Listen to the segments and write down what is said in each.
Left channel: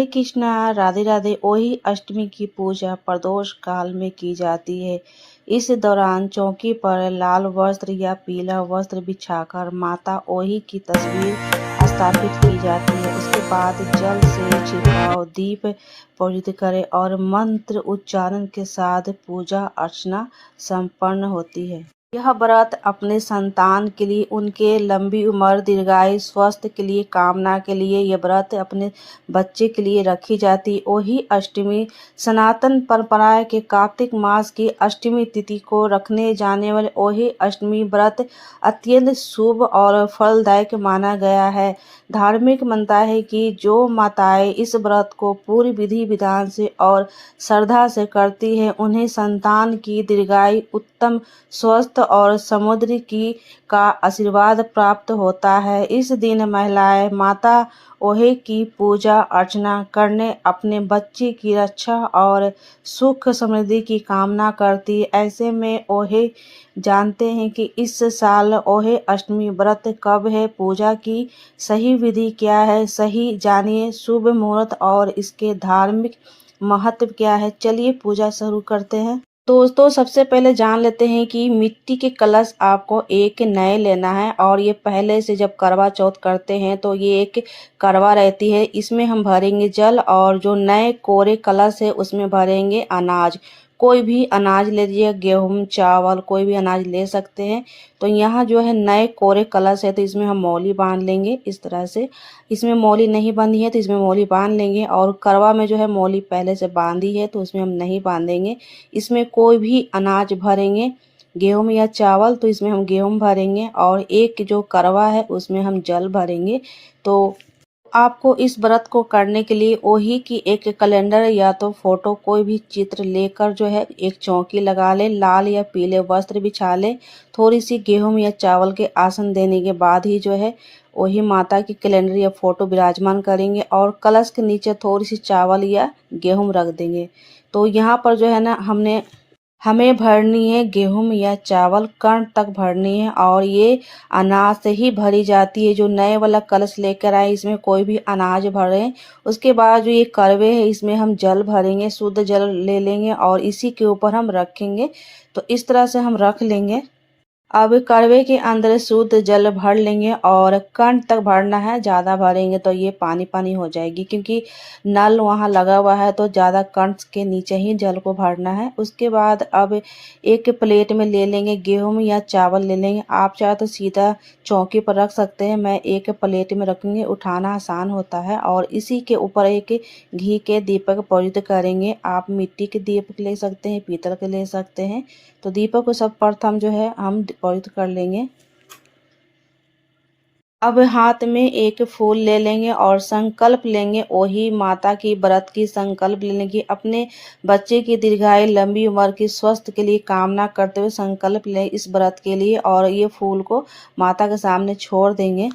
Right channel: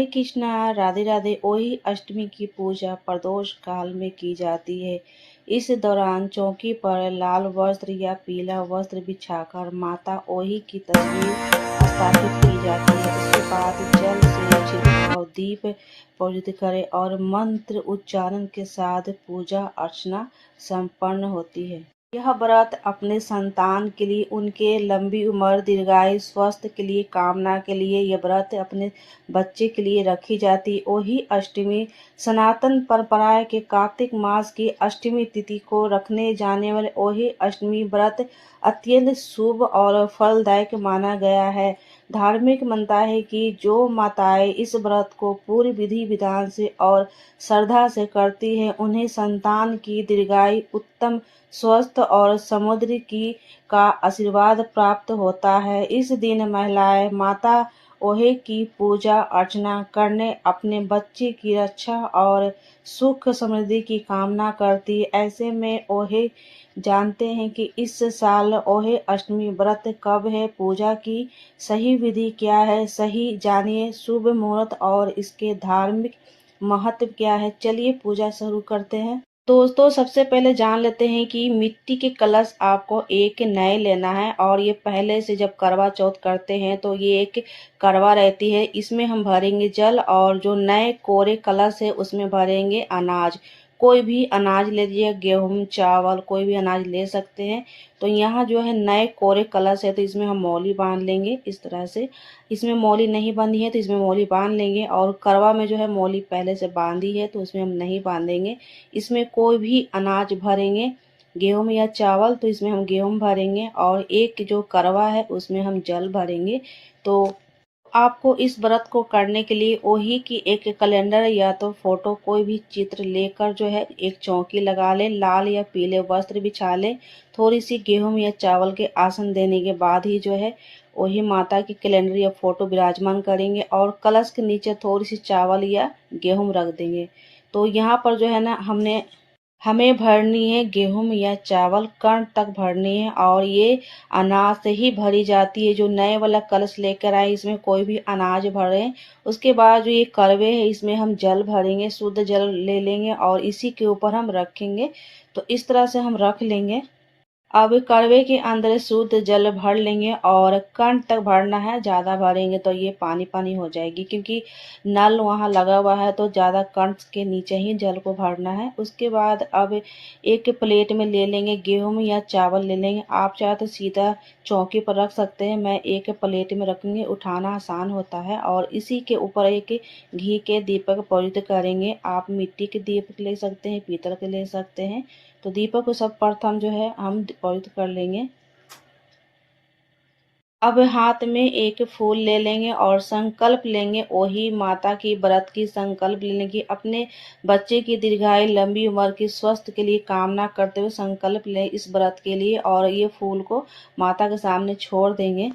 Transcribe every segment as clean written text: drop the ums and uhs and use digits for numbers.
हरे कृष्णा, राधे राधे। ओही अष्टमी की पूजा प्रदोष काल में की जाती है। इस दौरान चौकी पर लाल वस्त्र या पीला वस्त्र बिछाकर माता ओही की तस्वीर स्थापित की जाती है। उसके बाद जल से छिड़काव, दीप प्रज्वलित करें और मंत्र उच्चारण के साथ पूजा अर्चना संपन्न होती है। यह व्रत अपने संतान के लिए, उनके लंबी उम्र, दीर्घायु, स्वास्थ्य के लिए कामना के लिए यह व्रत अपने बच्चे के लिए रखी जाती। ओही अष्टमी सनातन परंपरा के कार्तिक मास की अष्टमी तिथि को रखने जाने वाले ओही अष्टमी व्रत अत्यंत शुभ और फलदायक माना गया है। धार्मिक मान्यता है कि जो माताएं इस व्रत को पूरी विधि विधान से और श्रद्धा से करती है, उन्हें संतान की दीर्घायु, उत्तम स्वास्थ्य और समुद्र की का आशीर्वाद प्राप्त होता है। इस दिन महिलाएं माता ओहे की पूजा अर्चना करने अपने बच्चे की रक्षा और सुख समृद्धि की कामना करती। ऐसे में ओहे जानते हैं कि इस साल ओहे अष्टमी व्रत कब है, पूजा की सही विधि क्या है। सही जानिए शुभ मुहूर्त और इसके धार्मिक महत्व क्या है। चलिए पूजा शुरू करते हैं। दोस्तों, सबसे पहले जान लेते हैं कि मिट्टी के कलश आपको एक नए लेना है। और ये पहले से जब करवा चौथ करते हैं तो ये एक करवा रहती है, इसमें हम भरेंगे जल। और जो नए कोरे कलश है उसमें भरेंगे अनाज। कोई भी अनाज ले लीजिए, गेहूं, चावल, कोई भी अनाज ले सकते हैं। तो यहाँ जो है नए कोरे कलश है तो इसमें हम मौली बांध लेंगे इस तरह से। इसमें मौली नहीं बांधी है तो इसमें मौली बांध लेंगे। और करवा में जो है मौली पहले से बांधी है तो उसमें हम नहीं बांधेंगे। इसमें कोई भी अनाज भरेंगे, गेहूं या चावल, तो इसमें हम गेहूं भरेंगे। और एक जो करवा है उसमें हम जल भरेंगे। तो आपको इस व्रत को करने के लिए ओही की एक कैलेंडर या तो फोटो, कोई भी चित्र लेकर जो है एक चौकी लगा ले, लाल या पीले वस्त्र बिछा ले। थोड़ी सी गेहूं या चावल के आसन देने के बाद ही जो है वही माता की कैलेंडर या फोटो विराजमान करेंगे। और कलश के नीचे थोड़ी सी चावल या गेहूं रख देंगे। तो यहाँ पर जो है ना हमें भरनी है गेहूं या चावल, कण तक भरनी है। और ये अनाज से ही भरी जाती है। जो नए वाला कलश लेकर आए इसमें कोई भी अनाज भरें। उसके बाद जो ये करवे है इसमें हम जल भरेंगे, शुद्ध जल ले लेंगे और इसी के ऊपर हम रखेंगे। तो इस तरह से हम रख लेंगे। अब करवे के अंदर शुद्ध जल भर लेंगे और कण तक भरना है। ज़्यादा भरेंगे तो ये पानी पानी हो जाएगी, क्योंकि नल वहाँ लगा हुआ है तो ज़्यादा कण के नीचे ही जल को भरना है। उसके बाद अब एक प्लेट में ले लेंगे, गेहूं या चावल ले लेंगे। आप चाहे तो सीधा चौकी पर रख सकते हैं, मैं एक प्लेट में रखेंगे, उठाना आसान होता है। और इसी के ऊपर एक घी के दीपक प्रज्वलित करेंगे। आप मिट्टी के दीपक ले सकते हैं, पीतल के ले सकते हैं। तो दीपक को सब प्रथम जो है हम प्रज्वलित कर लेंगे। अब हाथ में एक फूल ले लेंगे और संकल्प लेंगे, वही माता की व्रत की संकल्प लेने की, अपने बच्चे की दीर्घायु, लंबी उम्र की स्वास्थ्य के लिए कामना करते हुए संकल्प लें इस व्रत के लिए। और ये फूल को माता के सामने छोड़ देंगे।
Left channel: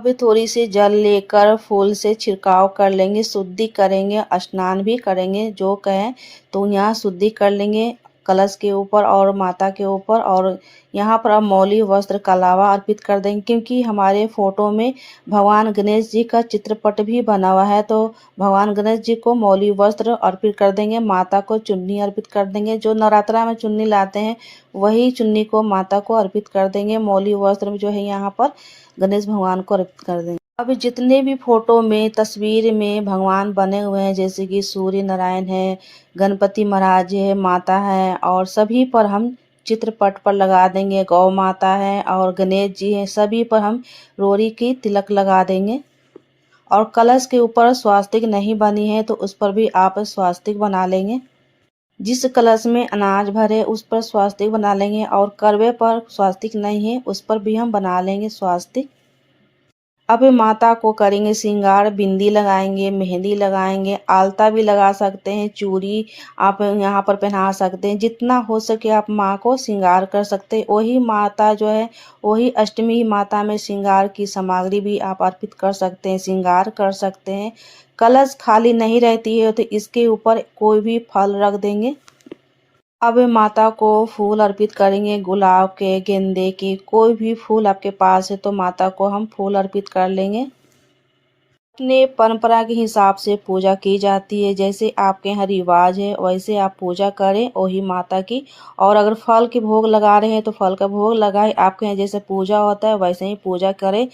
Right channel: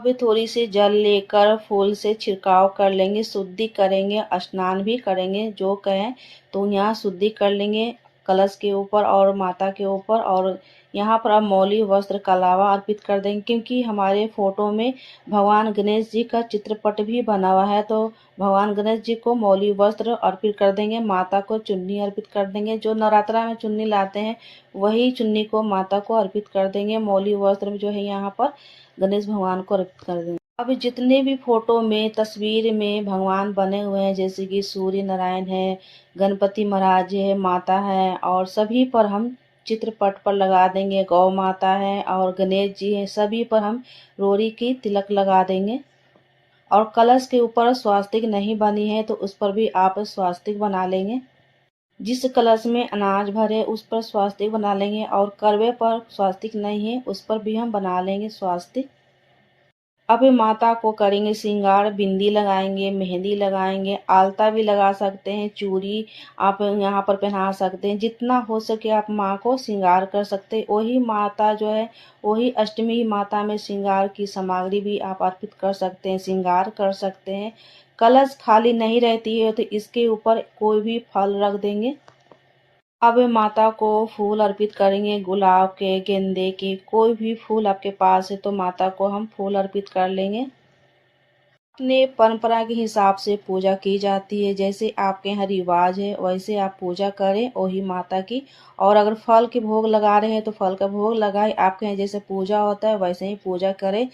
अब थोड़ी सी जल लेकर फूल से छिड़काव कर लेंगे, शुद्धि करेंगे, स्नान भी करेंगे जो कहें। तो यहाँ शुद्धि कर लेंगे कलश के ऊपर और माता के ऊपर। और यहाँ पर अब मौली वस्त्र का लावा अर्पित कर देंगे, क्योंकि हमारे फोटो में भगवान गणेश जी का चित्रपट भी बना हुआ है। तो भगवान गणेश जी को मौली वस्त्र अर्पित कर देंगे, माता को चुन्नी अर्पित कर देंगे। जो नवरात्रा में चुन्नी लाते हैं वही चुन्नी को माता को अर्पित कर देंगे। मौली वस्त्र में जो है यहाँ पर गणेश भगवान को अर्पित कर देंगे। अब जितने भी फोटो में, तस्वीर में भगवान बने हुए हैं, जैसे कि सूर्य नारायण है, गणपति महाराज है, माता है, और सभी पर हम चित्रपट पर लगा देंगे। गौ माता है और गणेश जी हैं, सभी पर हम रोरी की तिलक लगा देंगे। और कलश के ऊपर स्वास्तिक नहीं बनी है तो उस पर भी आप स्वास्तिक बना लेंगे। जिस कलश में अनाज भरे उस पर स्वास्तिक बना लेंगे। और करवे पर स्वास्तिक नहीं है उस पर भी हम बना लेंगे स्वास्तिक। अब माता को करेंगे श्रृंगार, बिंदी लगाएंगे, मेहंदी लगाएंगे, आलता भी लगा सकते हैं, चूड़ी आप यहाँ पर पहना सकते हैं। जितना हो सके आप माँ को श्रृंगार कर सकते हैं। वही माता जो है, वही अष्टमी माता में श्रृंगार की सामग्री भी आप अर्पित कर सकते हैं, श्रृंगार कर सकते हैं। कलश खाली नहीं रहती है तो इसके ऊपर कोई भी फल रख देंगे। अब माता को फूल अर्पित करेंगे, गुलाब के, गेंदे के, कोई भी फूल आपके पास है तो माता को हम फूल अर्पित कर लेंगे। अपने परंपरा के हिसाब से पूजा की जाती है। जैसे आपके यहाँ रिवाज है वैसे आप पूजा करें वही माता की। और अगर फल के भोग लगा रहे हैं तो फल का भोग लगाए। आपके यहाँ जैसे पूजा होता है वैसे ही पूजा करें।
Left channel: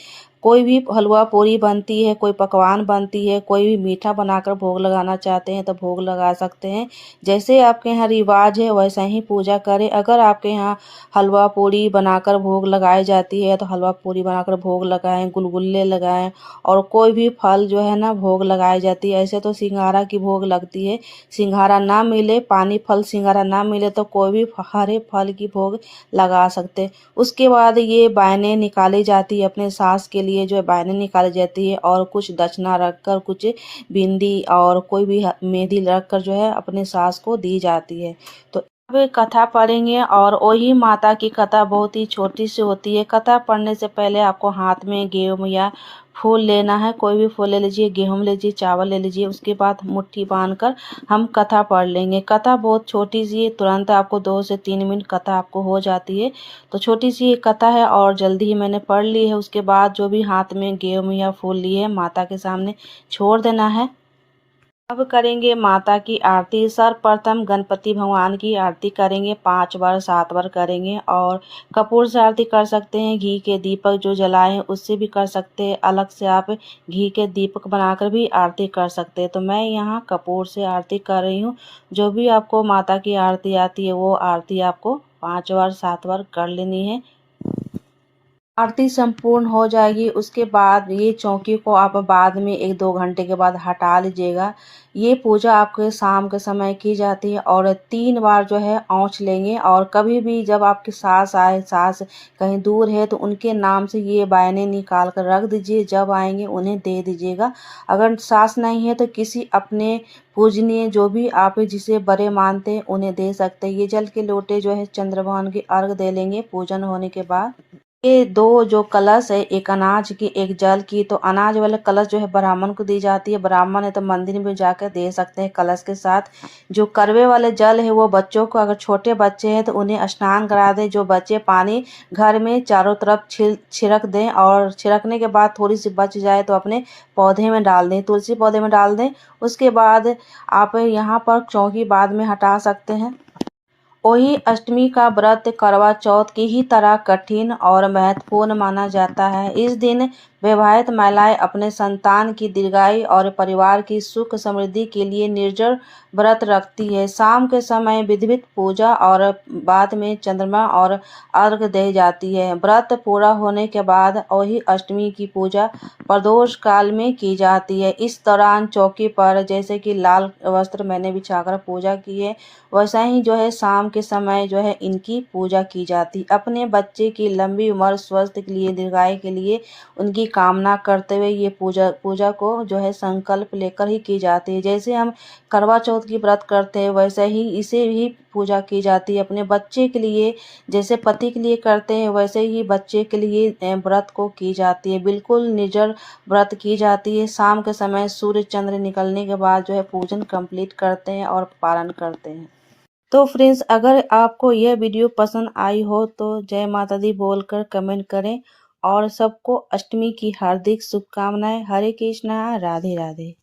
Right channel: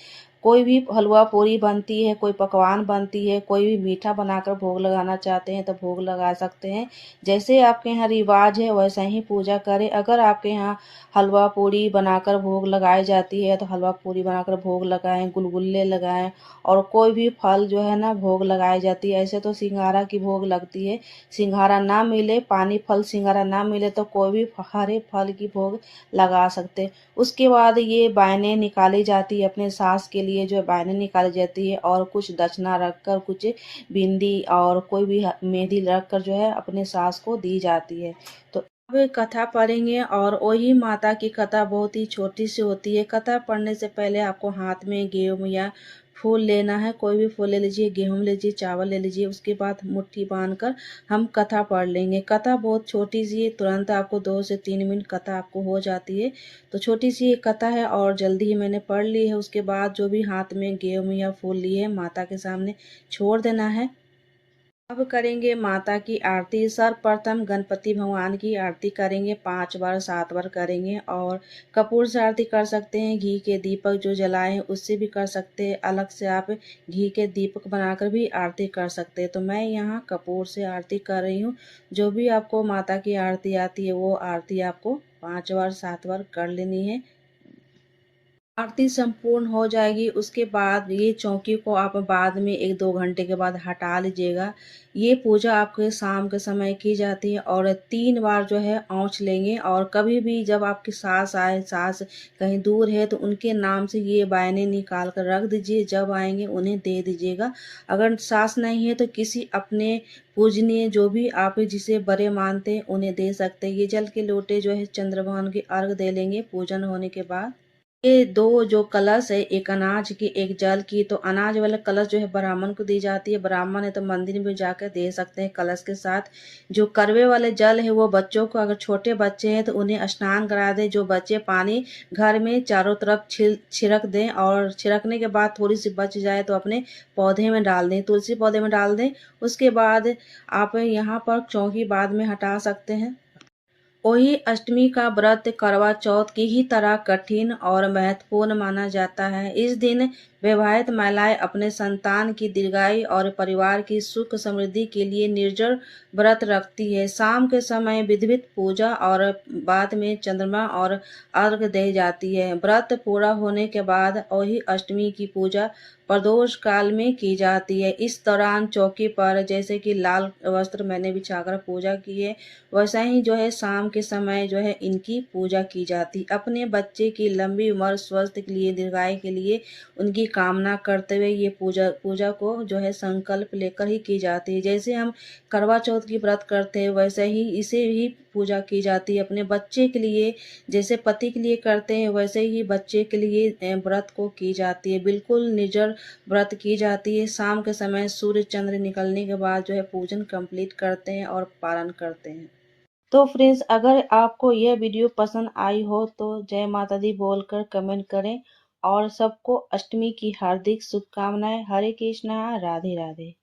कोई भी हलवा पूरी बनती है, कोई पकवान बनती है, कोई भी मीठा बनाकर भोग लगाना चाहते हैं तो भोग लगा सकते हैं। जैसे आपके यहाँ रिवाज है वैसा ही पूजा करें। अगर आपके यहाँ हलवा पूरी बनाकर भोग लगाई जाती है तो हलवा पूरी बनाकर भोग लगाएं, गुलगुल्ले लगाएं। और कोई भी फल जो है ना भोग लगाई जाती है। ऐसे तो सिंघाड़ा की भोग लगती है। सिंघाड़ा ना मिले, पानी फल सिंघाड़ा ना मिले तो कोई भी हरे फल की भोग लगा सकते। उसके बाद ये बायने निकाली जाती है, अपने सास के लिए जो है बायने निकाली जाती है। और कुछ दक्षिणा रखकर, कुछ बिंदी और कोई भी मेहंदी रखकर जो है अपने सास को दी जाती है। तो अब कथा पढ़ेंगे। और वही माता की कथा बहुत ही छोटी सी होती है। कथा पढ़ने से पहले आपको हाथ में गेहूं या फूल लेना है। कोई भी फूल ले लीजिए, गेहूं ले लीजिए, चावल ले लीजिए। उसके बाद मुट्ठी बांधकर हम कथा पढ़ लेंगे। कथा बहुत छोटी सी है, तुरंत आपको 2 से 3 मिनट कथा आपको हो जाती है। तो छोटी सी कथा है और जल्दी ही मैंने पढ़ ली है। उसके बाद जो भी हाथ में गेहूं या फूल लिए माता के सामने छोड़ देना है। अब करेंगे माता की आरती। सर्वप्रथम गणपति भगवान की आरती करेंगे, 5 बार 7 बार करेंगे। और कपूर से आरती कर सकते हैं, घी के दीपक जो जलाए उससे भी कर सकते हैं। अलग से आप घी के दीपक बनाकर भी आरती कर सकते हैं। तो मैं यहाँ कपूर से आरती कर रही हूँ। जो भी आपको माता की आरती आती है वो आरती आपको 5 बार 7 बार कर लेनी है। आरती संपूर्ण हो जाएगी। उसके बाद ये चौकी को आप बाद में 1-2 घंटे के बाद हटा लीजिएगा। ये पूजा आपके शाम के समय की जाती है। और 3 बार जो है औंच लेंगे। और कभी भी जब आपकी सास आए, सास कहीं दूर है तो उनके नाम से ये बायने निकाल कर रख दीजिए। जब आएंगे उन्हें दे दीजिएगा। अगर सास नहीं है तो किसी अपने पूजनीय जो भी आप जिसे बड़े मानते हैं उन्हें दे सकते हैं। ये जल के लोटे जो है चंद्र भगवान के अर्घ दे लेंगे पूजन होने के बाद। ये 2 जो कलश है, एक अनाज की एक जल की। तो अनाज वाले कलश जो है ब्राह्मण को दी जाती है। ब्राह्मण है तो मंदिर में जाकर दे सकते हैं कलश के साथ। जो करवे वाले जल है वो बच्चों को, अगर छोटे बच्चे हैं तो उन्हें स्नान करा दें। जो बच्चे पानी घर में चारों तरफ छिड़क दें। और छिड़कने के बाद थोड़ी सी बच जाए तो अपने पौधे में डाल दें, तुलसी पौधे में डाल दें। उसके बाद आप यहाँ पर चौकी बाद में हटा सकते हैं। वही अष्टमी का व्रत करवा चौथ की ही तरह कठिन और महत्वपूर्ण माना जाता है। इस दिन विवाहित महिलाएं अपने संतान की दीर्घायु और परिवार की सुख समृद्धि के लिए निर्जल व्रत रखती है। शाम के समय विधिवत पूजा और बाद में चंद्रमा और अर्घ दी जाती है। व्रत पूरा होने के बाद वही अष्टमी की पूजा प्रदोष काल में की जाती है। इस दौरान चौकी पर जैसे कि लाल वस्त्र मैंने बिछाकर पूजा की है, वैसा ही जो है शाम के समय जो है इनकी पूजा की जाती। अपने बच्चे की लंबी उम्र, स्वास्थ्य के लिए, दीर्घायु के लिए उनकी कामना करते हुए ये पूजा को जो है संकल्प लेकर ही की जाती है। जैसे हम करवा चौथ की व्रत करते हैं वैसे ही इसे भी पूजा की जाती है। अपने बच्चे के लिए जैसे पति के लिए करते हैं वैसे ही बच्चे के लिए व्रत को की जाती है। बिल्कुल निर्जल व्रत की जाती है। शाम के समय सूर्य चंद्र निकलने के बाद जो है पूजन कंप्लीट करते हैं और पारण करते हैं। तो फ्रेंड्स, अगर आपको यह वीडियो पसंद आई हो तो जय माता दी बोलकर कमेंट करें। और सबको अष्टमी की हार्दिक शुभकामनाएं। हरे कृष्णा, राधे राधे।